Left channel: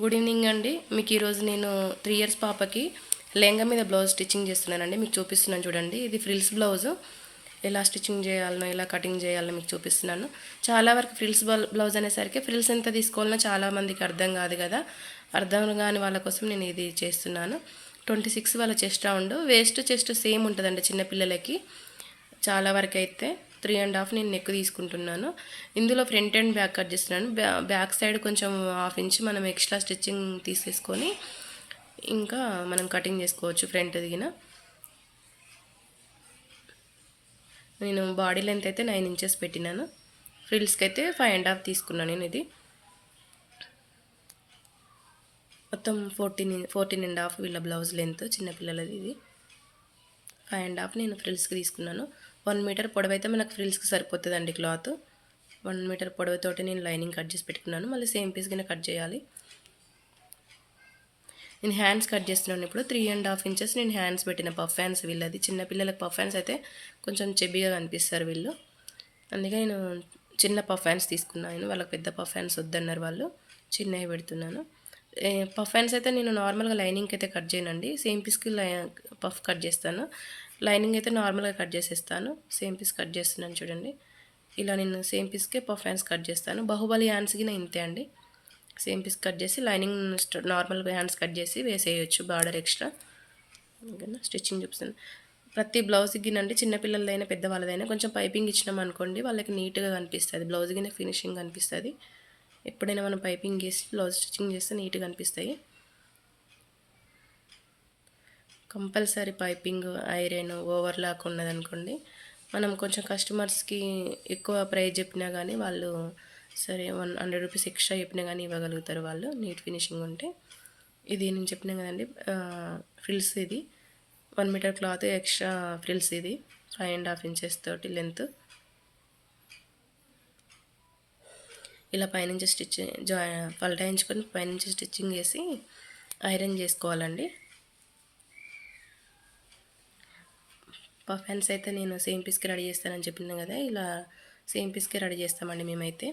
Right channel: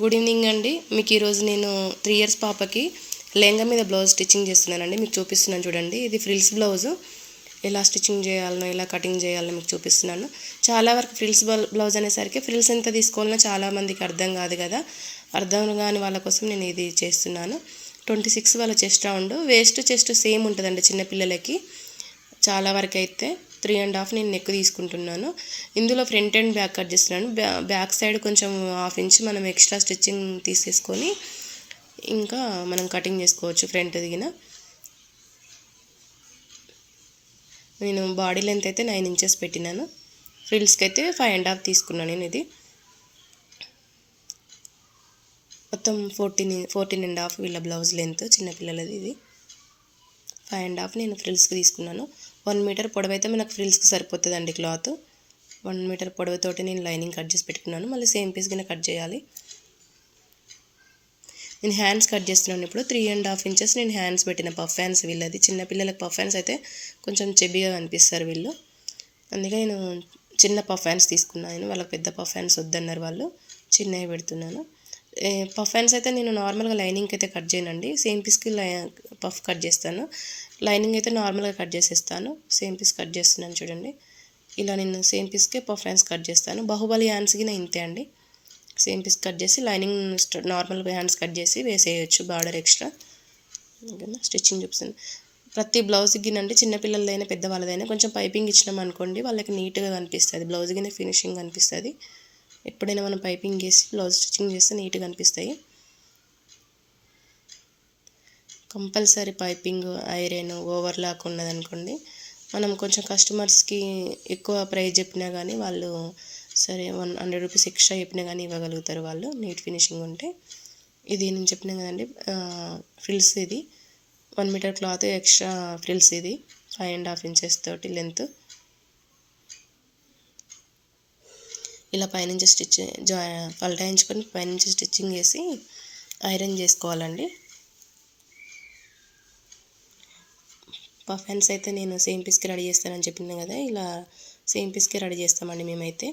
Good evening అండి. మీకు ఈరోజు నేను త్రీ ఇయర్స్ పాపకి లెహంగా మీద బ్లౌజ్ స్టిచ్చింగ్ చేస్తున్నానండి. మీకు చూపిస్తున్నాను చూడండి. ఇది ఫ్రిల్స్ బ్లౌజ్. ఎలా స్టిచ్చింగ్ చేయాలనో ఎలా కటింగ్ చేయాలనో మీకు చూపిస్తున్నాను. చాలా వరకు ఫ్రిల్స్ బ్లౌజ్ అనేసరికి ఫ్రిల్స్ ఎంత తీసుకోవాలనో చాలామందికి అర్థం కాదు కదా. అర్థం కాని వాళ్ళ కోసం నేను ఇది చేస్తున్నాను. ట్వంటీ సిక్స్ వాళ్ళ chest round. Waist chest same ఉంటుందండి చిన్నపిల్లలకి చాలా వరకు అయితే. త్రీ అండ్ హాఫ్ నేను నెక్ తీసుకుంటున్నాను. ఇందులో ఫ్రంట్ అండ్ బ్యాక్ కట్ చేస్తున్నాను. బ్యా బ్యాక్ సైడ్ కొంచెం హాఫ్ ఇంచ్ మనం ఎక్స్ట్రా స్టిచ్చింగ్ తీసేసుకొని ఇంకా మనం కటింగ్ చేసుకోవచ్చు ఫ్రంట్ దిగిన. నేను బాడీ లెంత్ అయితే నైన్ ఇంచెస్ పెట్టినాను. ఫ్రిల్స్కి అయితే ఫైవ్ అండ్ హాఫ్ తీసుకున్నాను నేను ఇది. మొత్తం ఫోర్టీన్ ఫోర్టీన్ అండ్ హాఫ్ వీళ్ళ బ్లౌజ్ లెంత్ చిన్నపిల్లలది ఇది. ఫైవ్ అండ్ హాఫ్ నేను ఫ్రిల్స్కి తీసుకున్నాను. వన్ మీటర్ పొడవైతే మనకు ఫ్రిల్స్కి సరిపోతుందండి క్లాత్ వన్ మీటర్ పొడవుతోటి నేను లైనింగ్ కట్ చేసి పెట్టుకున్నాను. మళ్ళీ సేమ్ పీస్ కింద కట్ చేయాలి. నేను హ్యాండ్స్ కట్ చేస్తున్నాను ఇప్పుడు. త్రీ అండ్ హాఫ్ ఇంచెస్ నేను హ్యాండ్స్ పెట్టిన పఫ్ హ్యాండ్స్ వీళ్ళది. చిన్నపిల్లలకి పఫ్ హ్యాండ్స్ అయితే కొంచెం చెబ్బిగా కనిపిస్తారు వీళ్ళు. అందుకే నేను చిన్న పఫ్ హ్యాండ్స్ తీసుకున్నాను. వాళ్ళకి పెద్ద పఫ్ హ్యాండ్స్ వద్దన్నారు వాళ్ళు. చిన్నవి పెడుతున్నాను. పఫ్ హ్యాండ్స్ అయితే నేను నార్మల్గా లైనింగ్కి అయితే కట్ చేయనండి. సేమ్ పీస్కి లై పఫ్ కట్ చేస్తాను. లైనింగ్ అయితే నార్మల్గా కట్ చేసేస్తాను. సేమ్ పీస్ కట్ చేస్తున్నాను చూడండి. ఇలా నేను సేమ్ పీస్కే పఫ్ హ్యాండ్స్ కట్ చేస్తాను. బాహుబలి హ్యాండ్స్కి నేను ఇంతే అండి. సేమ్ పీస్ కట్ చేసి లైనింగ్ నార్మల్ హ్యాండ్స్ కట్ చేసి వేసేయచ్చు బార్డర్ ఎక్స్ట్రా ఓకేనా? స్టిచ్చింగ్ చూపిస్తాను. ప్రతి బ్లౌజ్కి గినండి చిన్నపిల్లలదైనా పెద్దవాళ్ళదైనా కొంచెం పైపింగ్ ఇచ్చినాం అనుకోండి వాళ్ళకి నీట్గా కనిపిస్తుంది. బ్లౌజ్ కింద ఫినిషింగ్ కనిపిస్తుంది. ఎప్పుడైనా మనం పైపింగ్ చేసి బ్లౌజ్ స్టిచ్చింగ్ చేస్తే నీట్గా అనిపిస్తాయి. కంపల్సరీ పైపింగ్ ఐరన్ ఓవర్లాక్ ఉన్నదనుకోండి మనం కొంచెం కస్టమర్స్కి ఎక్కువ ప్రైస్ చెప్పినా కానీ వాళ్ళు సరే వన్ హండ్రెడ్ రూపీస్ ఎక్స్ట్రా చెప్పినా కానీ ఇవ్వగలుగుతారు వాళ్ళు. నీట్ ఫినిషింగ్ ఉంటే. ఇది నేను చెప్పినా కదండి ఫ్రిల్స్ ఇది. One metre cloth extra frills ఇది. ఫైవ్ అండ్ హాఫ్ ఇంచెస్ తోటి లెంత్. ఇలా పైనుంచి స్టిచ్ జా పల్టాయించుకొని పైనుంచి స్టిచ్చింగ్ చేసి ఐరన్ చేసుకోవాలండి. పఫ్ అయితే నేను సేమ్ పీస్కి రెడీ చేస్తానని చెప్పింది కదా ఇలా సేమ్ పీస్కి రెడీ చేస్తామండి మేమైతే.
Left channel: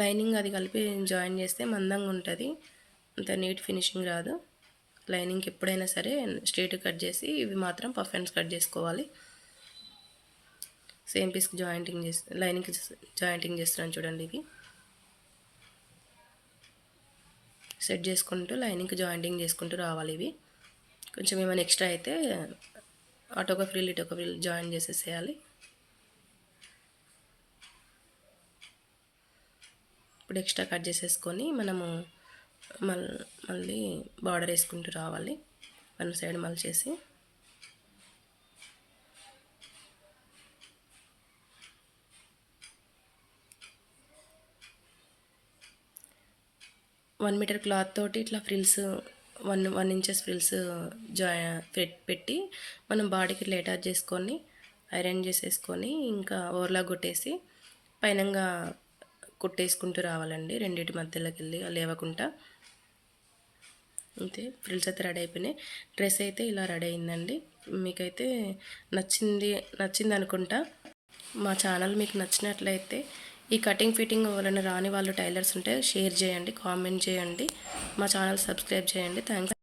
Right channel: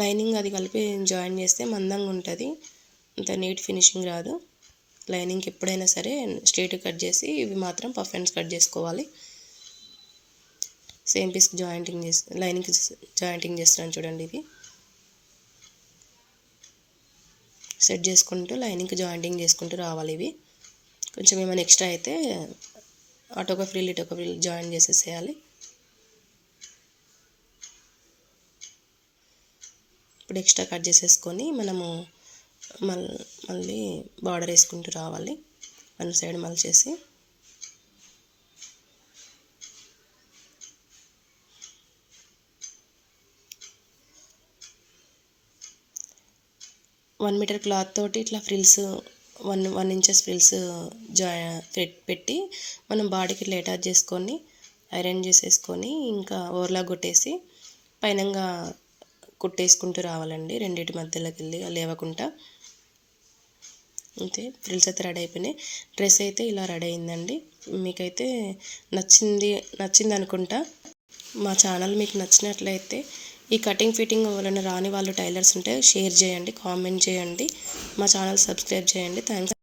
లైనింగ్ అది కలిపి జాయిన్ చేస్తే మందంగా ఉంటుంది అంత నీట్ ఫినిషింగ్ రాదు. లైనింగ్కి ఎప్పుడైనా సరే స్ట్రేట్ కట్ చేసి ఇవి మాత్రం పఫెన్స్ కట్ చేసుకోవాలి. సేమ్ పీస్కి జాయింటింగ్ చేసి లైనింగ్కి జాయింటింగ్ చేస్తున్నాను చూడండి ఇవి సెట్ చేసుకుంటూ లైనింగ్కి జాయింటింగ్ చేసుకుంటూ రావాలి ఇవి. కొంచెం ఏమైనా ఎక్స్ట్రా అయితే అటొక ఇటు ఇటొక ఫ్రీల్ జాయిన్ చేసేసేయాలి. ఇప్పుడు ఎక్స్ట్రా కట్ చేసేసుకొని మనము మళ్ళీ బార్డర్ వేసుకుంటూ రావాలి. వన్ సైడ్ మళ్ళీ చేసి. వన్ మీటర్ క్లాత్ తోటి ఇట్లా frills one one inches frills జాయి పెట్టి మనం బాడీకి ఇట్లా అటాచ్ చేసుకొని ఐరన్ చేసేసుకొని ఇంకా ఓవర్లా కొట్టేసి పైనంగా కుట్టేసుకుంటూ రావాలండి. రెండింటి మధ్యలోకి వెళ్ళి లేవకుండా. అంతే ఫ్రిల్స్ అయితే రెడీ అయిపోయినాయి. డ్రెస్ అయితే ఇలా రెడీ అయిందండి. మీకైతే నచ్చింది నచ్చింది అనుకుంటా మా ఛానల్ మీకు నచ్చినట్లయితే ఈ కటింగ్ ఫిట్టింగ్ ఎవరైనా రాని వాళ్ళు టైలర్స్ ఉంటే షేర్ చేయండి కామెంట్ చేయండి. మా ఛానల్ సబ్స్క్రైబ్ చేయండి. థ్యాంక్స్